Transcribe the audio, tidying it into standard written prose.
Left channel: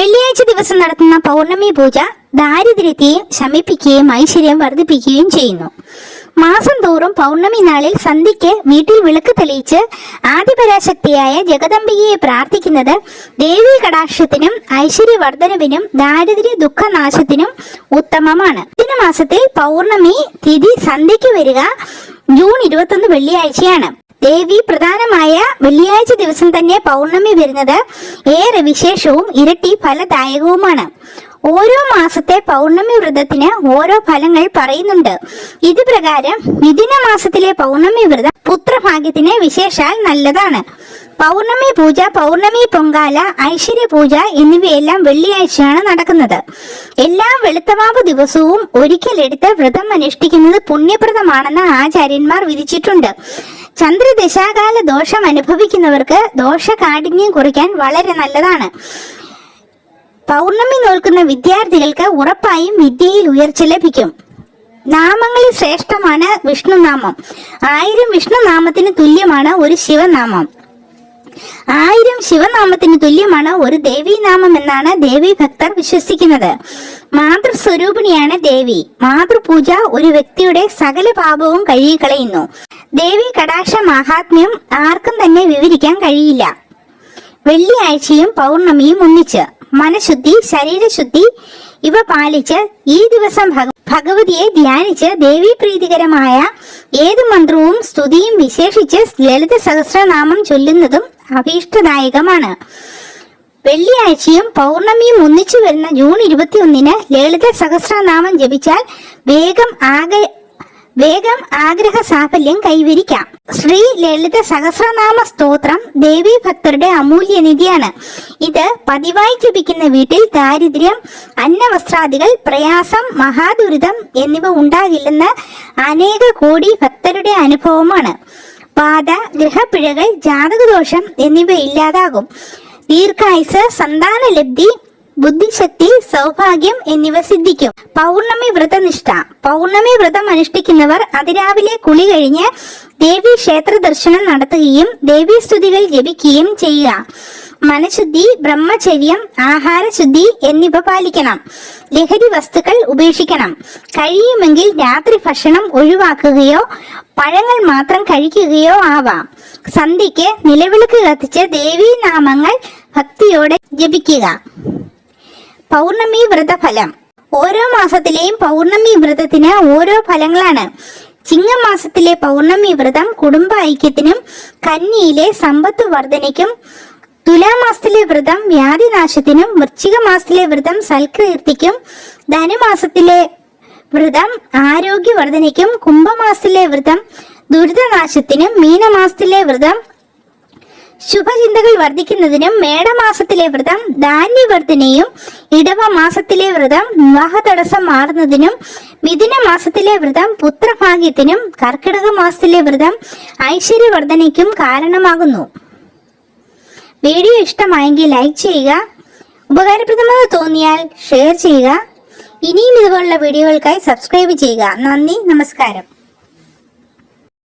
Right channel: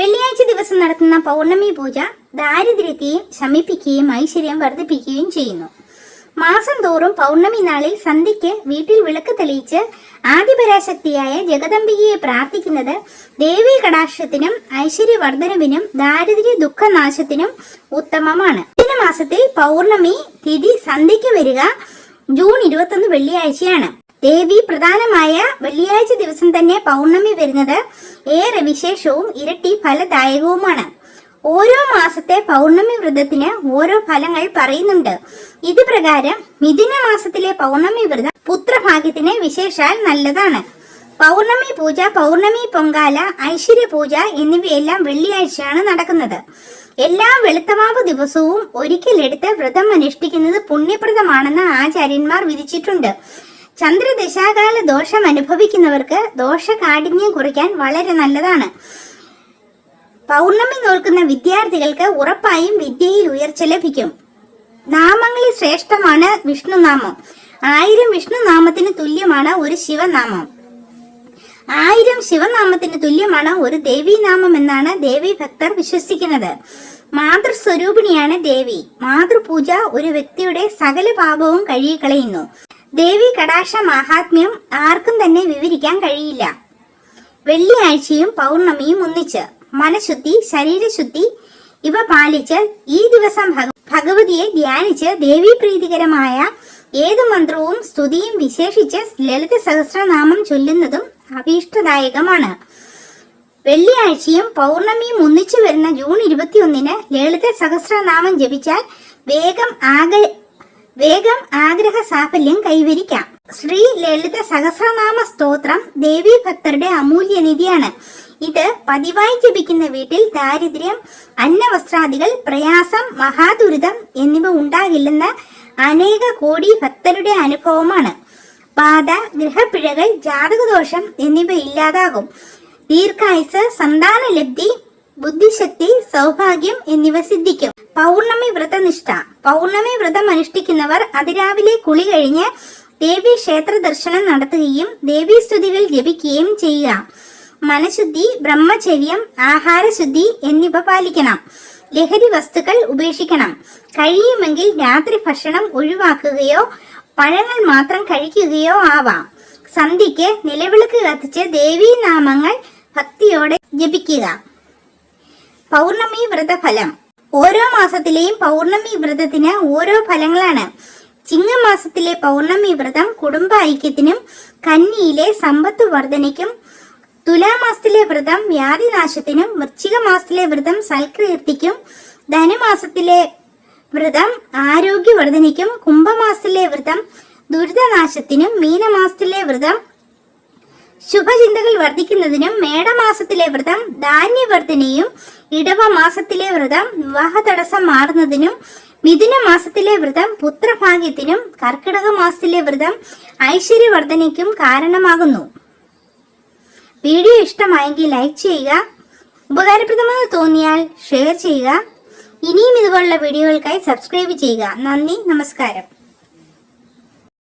വെള്ളിയാഴ്ച ദിവസം നടത്തുന്ന പൗർണമി പൂജ ദാരിദ്ര്യത്തെ ശമിപ്പിക്കുകയും ഐശ്വര്യം വർദ്ധിപ്പിക്കുകയും ചെയ്യുന്നു. മാസം തോറും പൗർണമി നാളിൽ സന്ധ്യയ്ക്ക് വീട്ടിൽ വിളക്ക് തെളിയിച്ച് ആദിപരാശക്തിയായ ജഗദംബികയെ പ്രാർത്ഥിക്കുന്നത് ദേവീ കടാക്ഷത്തിനും ഐശ്വര്യവർദ്ധനവിനും ദാരിദ്ര്യ ദുഃഖനാശത്തിനും ഉത്തമമാണ്. മാസത്തിൽ പൗർണമി തിഥി സന്ധ്യയ്ക്ക് വരിക ജൂൺ 21 വെള്ളിയാഴ്ചയാണ്. ദേവി പ്രധാനമായ വെള്ളിയാഴ്ച ദിവസം തന്നെ പൗർണമി വരുന്നത് ഏറെ വിശേഷവും ഇരട്ടി ഫലദായകവുമാണ്. ഓരോ മാസത്തെ പൗർണമി വ്രതത്തിന് ഓരോ ഫലങ്ങൾ പറയുന്നുണ്ട്. ഇത് പ്രകാരം മിഥുന മാസത്തിലെ പൗർണമി വ്രതം പുത്രഭാഗ്യത്തിന് വിശേഷാൽ നല്ലതാണ്. പൗർണമി പൂജ, പൗർണമി പൊങ്കാല, ഐശ്വര്യ പൂജ എന്നിവയെല്ലാം വെള്ളിയാഴ്ചയാണ് നടക്കുന്നത്. എല്ലാ വെളുത്തവാവ് ദിവസവും ഒരിക്കലെടുത്ത് വ്രതം അനുഷ്ഠിക്കുന്നത് പുണ്യപ്രദമാണെന്ന് ആചാര്യന്മാർ വിധിച്ചിട്ടുണ്ട്. ചന്ദ്രദശാകാല ദോഷം അനുഭവിക്കുന്നവർക്ക് ദോഷകാഠിന്യം കുറയ്ക്കാൻ വളരെ നല്ലതാണ്. പൗർണമി നോൽക്കുന്ന വിദ്യാർത്ഥികൾക്ക് ഉറപ്പായും വിദ്യയിൽ ഉയർച്ച ലഭിക്കും. നാമങ്ങളിൽ ശ്രേഷ്ഠമാണ് വിഷ്ണുനാമം. 1000 വിഷ്ണുനാമത്തിന് തുല്യമാണ് ഒരു ശിവനാമം. 1000 ശിവനാമത്തിന് തുല്യമാണ് ഒരു ദേവീനാമം എന്നാണ് ദേവീ ഭക്തർ വിശ്വസിക്കുന്നത്. മാതൃസ്വരൂപിണിയാണ് ദേവി. മാതൃപൂജ ഒരു വ്യക്തിയുടെ സകല പാപവും കഴുകിക്കളയുന്നു. ദേവി കടാക്ഷ മഹാത്മ്യം ആർക്കും തന്നെ വിവരിക്കാൻ കഴിയില്ല. വെള്ളിയാഴ്ചയും പൗർണമിയും ഒന്നിച്ച് മനഃശുദ്ധി, ശരീരശുദ്ധി ഇവ പാലിച്ച് ഈ ദിവസം ഭഗവതിയെ ധ്യാനിച്ച് ദേവീ പ്രീതികരമായ ഏത് മന്ത്രവും സ്തുതിയും വിശേഷിച്ച് ലളിത സഹസ്രനാമം ചൊല്ലുന്നതും അഭീഷ്ടദായകമാണ്. വെള്ളിയാഴ്ചയും പൗർണമിയും ഒന്നിച്ചു വരുന്ന ജൂൺ 21 ലളിത സഹസ്രനാമം ജപിച്ചാൽ വേഗം ആഗ്രഹ സാഫല്യം കൈവരിക്കാം. ശ്രീ ലളിത സഹസ്രനാമ സ്തോത്രം ദേവീ ഭക്തരുടെ അമൂല്യനിധിയാണ്. ഇത് പതിവായി ജപിക്കുന്ന വീട്ടിൽ ദാരിദ്ര്യം, അന്നവസ്ത്രാദികൾ, പ്രയാസം, മഹാദുരിതം എന്നിവ ഉണ്ടാകില്ലെന്ന് അനേക കോടി ഭക്തരുടെ അനുഭവമാണ്. പാത, ഗ്രഹപ്പിഴകൾ, ജാതകദോഷം എന്നിവ ഇല്ലാതാകും. ദീർഘായുസ്, സന്താനലബ്ധി, ബുദ്ധിശക്തി, സൗഭാഗ്യം എന്നിവ സിദ്ധിക്കും. പൗർണമി വ്രതനിഷ്ഠ. പൗർണമി വ്രതം അനുഷ്ഠിക്കുന്നവർ അതിരാവിലെ കുളി കഴിഞ്ഞ് ദേവീ ക്ഷേത്ര ദർശനം നടത്തുകയും ദേവീ സ്തുതികൾ ജപിക്കുകയും ചെയ്യുക. മനഃശുദ്ധി, ബ്രഹ്മചര്യം, ആഹാരശുദ്ധി എന്നിവ പാലിക്കണം. ലഹരി വസ്തുക്കൾ ഉപേക്ഷിക്കണം. കഴിയുമെങ്കിൽ രാത്രി ഭക്ഷണം ഒഴിവാക്കുകയോ പഴങ്ങൾ മാത്രം കഴിക്കുകയോ ആവാം. സന്ധ്യയ്ക്ക് നിലവിളക്ക് കത്തിച്ച് ദേവീ നാമങ്ങൾ ഭക്തിയോടെ ജപിക്കുക. പൗർണമി വ്രതഫലം. ഓരോ മാസത്തിലെയും പൗർണമി വ്രതത്തിന് ഓരോ ഫലങ്ങളാണ്. ചിങ്ങമാസത്തിലെ പൗർണമി വ്രതം കുടുംബ ഐക്യത്തിനും കന്നിയിലെ സമ്പത്ത് വർധനയ്ക്കും, തുലാമാസത്തിലെ വ്രതം വ്യാധിനാശത്തിനും, വൃശ്ചിക മാസത്തിലെ വ്രതം സൽകീർത്തിക്കും, ധനുമാസത്തിലെ വ്രതം ആരോഗ്യവർദ്ധനയ്ക്കും, കുംഭമാസത്തിലെ വ്രതം ദുരിതനാശത്തിനും, മീനമാസത്തിലെ വ്രതം ശുഭചിന്തകൾ വർദ്ധിക്കുന്നതിനും, മേടമാസത്തിലെ വ്രതം ധാന്യവർദ്ധനയും, ഇടവ മാസത്തിലെ വ്രതം വിവാഹ തടസ്സം മാറുന്നതിനും, മിഥുന മാസത്തിലെ വ്രതം പുത്രഭാഗ്യത്തിനും, കർക്കിടക മാസത്തിലെ വ്രതം ഐശ്വര്യവർദ്ധനയ്ക്കും കാരണമാകുന്നു. വീഡിയോ ഇഷ്ടമായെങ്കിൽ ലൈക്ക് ചെയ്യുക. ഉപകാരപ്രദമായി തോന്നിയാൽ ഷെയർ ചെയ്യുക. ഇനിയും ഇതുപോലുള്ള വീഡിയോകൾക്കായി സബ്സ്ക്രൈബ് ചെയ്യുക. നന്ദി, നമസ്കാരം.